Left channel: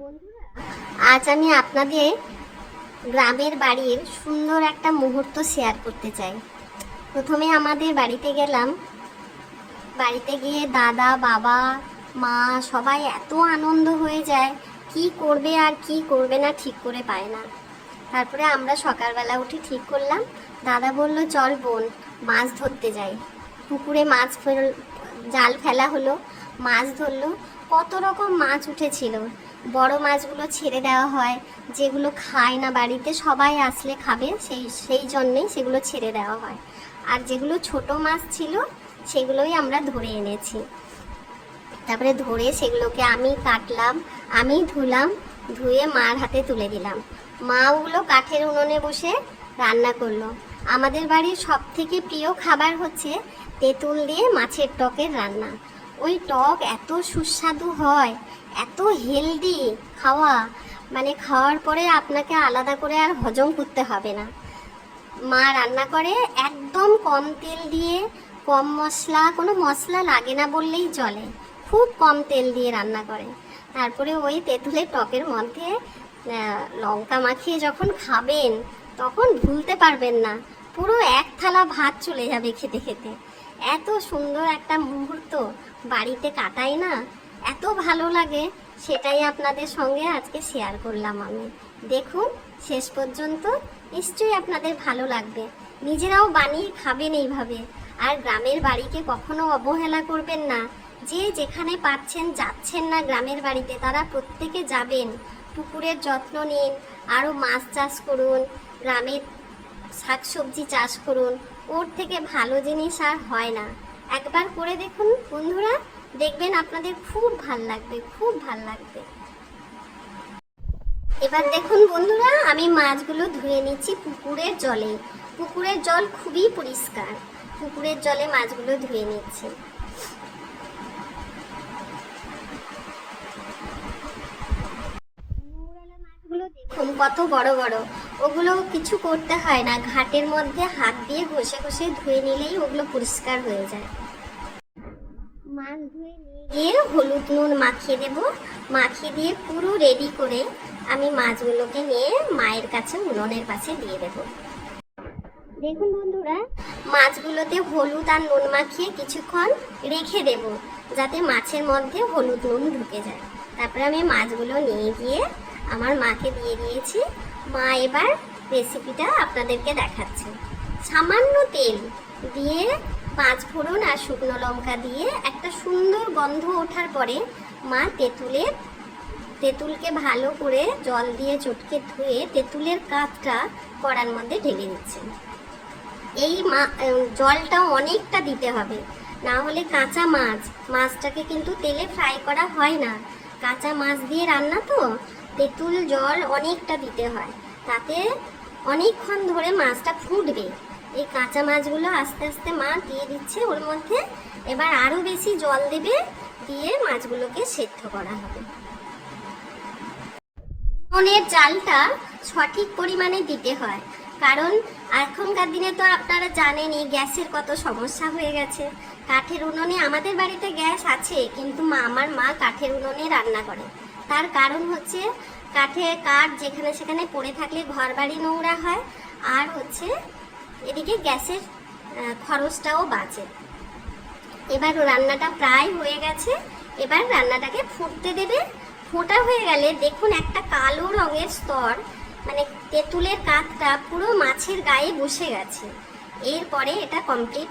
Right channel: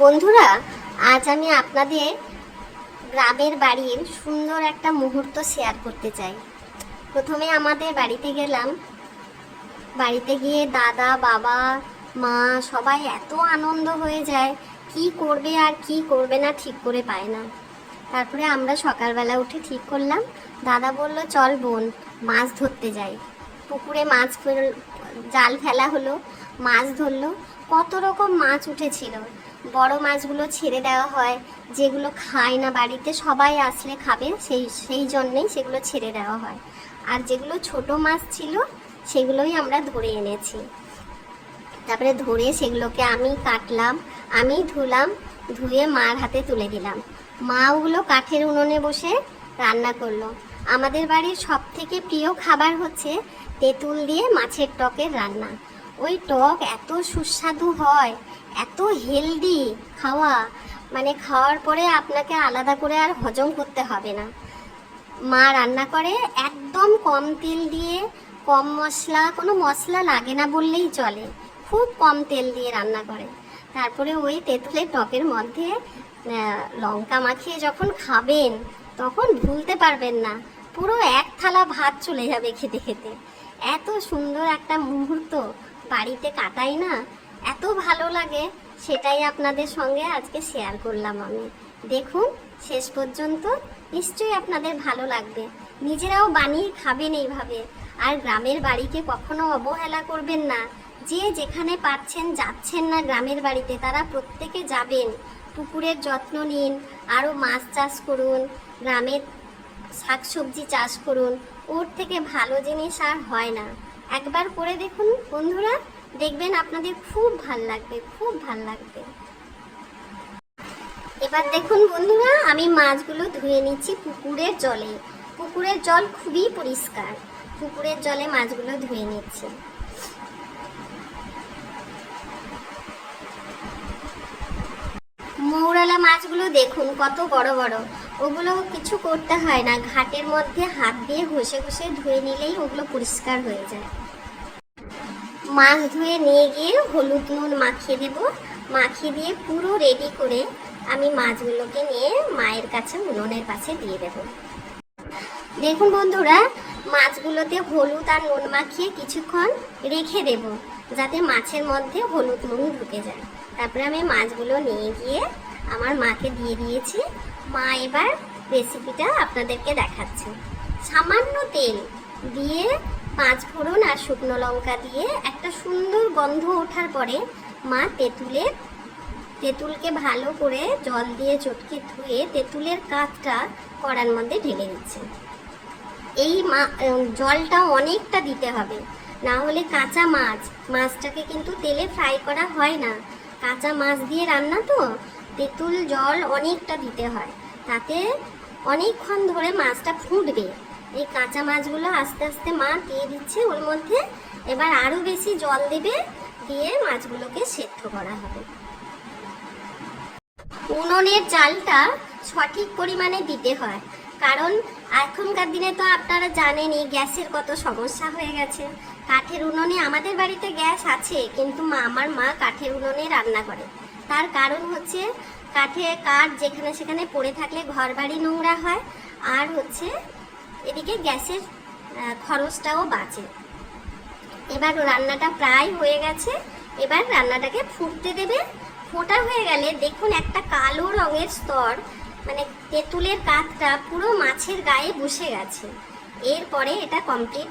বন্ধুরা, আজ আমি আপনাদের গ্রামের বাড়ির সুন্দর একটা মুহূর্ত শেয়ার করতে চাই। প্রথমে আমাদের বাড়িতে গেলাম। বাড়িতে গিয়ে দাদা, বাবা, মা সবাই এত আনন্দ হয়ে যায়, কি করবে আর কি করবে না ঠিক করে পায় না। তারপরে আমরা সকালবেলা উঠে ঠিক করলাম, দাদা বলল চল বোন মাছ ধরতে যাই। পুকুরে জাল ফেলা হলো, মাছ ধরলো। কত রকম মাছ উঠেছিল। বড় মাছগুলো ছেড়ে দেওয়া হয়, যেগুলো খায় না বাড়িতে, সবাই আসলে খাবে সেই জন্যেই সেগুলো ছেড়ে দেওয়া হয়। আর যেগুলো ছোট মাছ ছিল সেগুলোই আমরা ধরে এনেছি। তারপরে ধরে সেগুলোকে আমি কাটলাম, আমি ধুলাম, ধুয়ে মার হাতে তুলে দিলাম। মা ওগুলো কাঠের উনুনে বসে রান্না করলো। আমাদের বাড়ির সব থেকে প্রিয় খাবার হচ্ছে তেঁতুল দিয়ে মাছের টকের রান্না। ওই টক এত সুস্বাদু হয়, এত হেলদি খাওয়া, মানে খাওয়ার পরে আপনাকে আলাদা করে আর হজম করতে হবে না। মা রান্না করে একদম কম তেল দিয়ে, কম মশলা, কোনো মশলা লাগে না বললেই চলে, খুব কম তেল দিয়ে রান্না করে। তারপরে ওই তেঁতুলের টকের মধ্যে লঙ্কা মাখিয়ে যখন খাবেন তখন ভুলতে পারবেন না, পুরো এক থালা ভাত চলে যাবে খেতে খেতে। এত সুন্দর একটা মুহূর্ত বাড়িতে কাটাই না, এত ভালো লাগে, সেটাই আপনাদের সঙ্গে আজকে শেয়ার করলাম আমি। দেখুন শেষ পর্যন্ত, নিশ্চয়ই আপনাদের ভালো লাগবে। নিজেরাও বানিয়ে খাবেন এইভাবে। আর গ্রামের বাড়িকে কখনো অবহেলা করবেন না। যে যেখানে পাচ্ছেন যাচ্ছেন না গ্রামের বাড়িতে, তারা প্রত্যেকে যাবেন, পুকুরের যত্ন নিন, আরও মাছ চাষ করুন, গ্রামের শাকসবজি চাষ করুন। ওর থেকে ভালো জিনিস আর হয় না। একবার করে দেখুন বন্ধুরা, দেখবেন আপনাদের খুব ভাল লাগবে, খুব ভাল লাগবে। এবার দেখুন বন্ধুরা, আমি মাছগুলো ধুয়ে নিচ্ছি পুকুরের জলে। পুকুরের জল খুবই পরিষ্কার, পুকুরের জলে মাছগুলো ধুয়ে নিচ্ছি। মৌরালা মাছগুলো দেখুন কত বড় বড়। ওগুলো কিছু করতে হয় না, ঘাটের মধ্যে হাত দিয়ে ঘষে ঘষে ধুয়ে নিলেই ওগুলো পরিষ্কার হয়ে যায়। মাছ ধুয়ে নিয়ে গিয়ে হলুদ নুন মাখিয়ে দেব। মাখিয়ে দিয়ে পুরো রেডি করে আমি মাছগুলোকে নিয়ে মায়ের কাছে উনুনের পাশে দিয়ে দেব। দেখুন বন্ধুরা, মাছগুলোতে হলুদ আর নুন মাখিয়ে কিছুক্ষণ রেখে দেব, যাতে মাছের মধ্যে হলুদ নুন ঢুকে যায়। তারপরে আমি মাছগুলো নিয়ে গিয়ে আমার মাকে দিয়ে দিয়েছি। মা এবার রেসিপিটা আপনাদেরকে দেখাচ্ছে। সামান্য তেল দিয়ে, পাঁচ ফোড়ন আর শুকনো লঙ্কা দিয়ে একটা সুন্দর গন্ধ ওঠার পরে মা তেঁতুলকে ভালো করে জল দিয়ে চটকে ধুয়ে তেঁতুলের কাঠটা কড়ার মধ্যে ঢেলে দিচ্ছে। এই জলটা অনেকটা দিতে হবে, না হলে কাঁচা মাছটাকে কিন্তু তেলে ফ্রাই করা হয় না। কাঁচা মাছ দিয়ে রান্না তো, তেঁতুল জল অনেকটা দিতে হয়, তাতে অনেকক্ষণ ধরে মাছটা ফুটবে। এই কাঁচা মাছগুলো আস্তে আস্তে মা দিয়ে দিচ্ছে ওর মধ্যে। এবার আরও বেশি জল দেবে, দিয়ে মাছগুলোকে সেদ্ধ করা হবে। উনুনের জালটা সঠিক পরিমাণে দিতে হয়, কারণ এখনকার দিনে তো আপনারা জানেনই গ্যাসের কত সমস্যা হয়ে গেছে। কাঠের উনুনে, আমাদের বাড়িতে গ্যাস আছে কিন্তু আমার মা কাঠের উনুনে রান্না করে। তার কারণ হচ্ছে কাঠ যেখানে সেখানে পড়ে থাকলে ঘর বাড়ি নোংরা হয়, আর হচ্ছে এদিকে গ্যাসের খরচটাও বাঁচে। এবার রান্নাটা প্রায় হয়ে গেছে, এবার রান্নাটাকে ফুটতে দেবে। ফোটা হয়ে গেলে দেখুন একটা কালো রঙের স্তর, মানে তেঁতুলের কাঠটা পুরো মাছের গায়ে বসে গেছে। এরপরে এটা কমপ্লিট।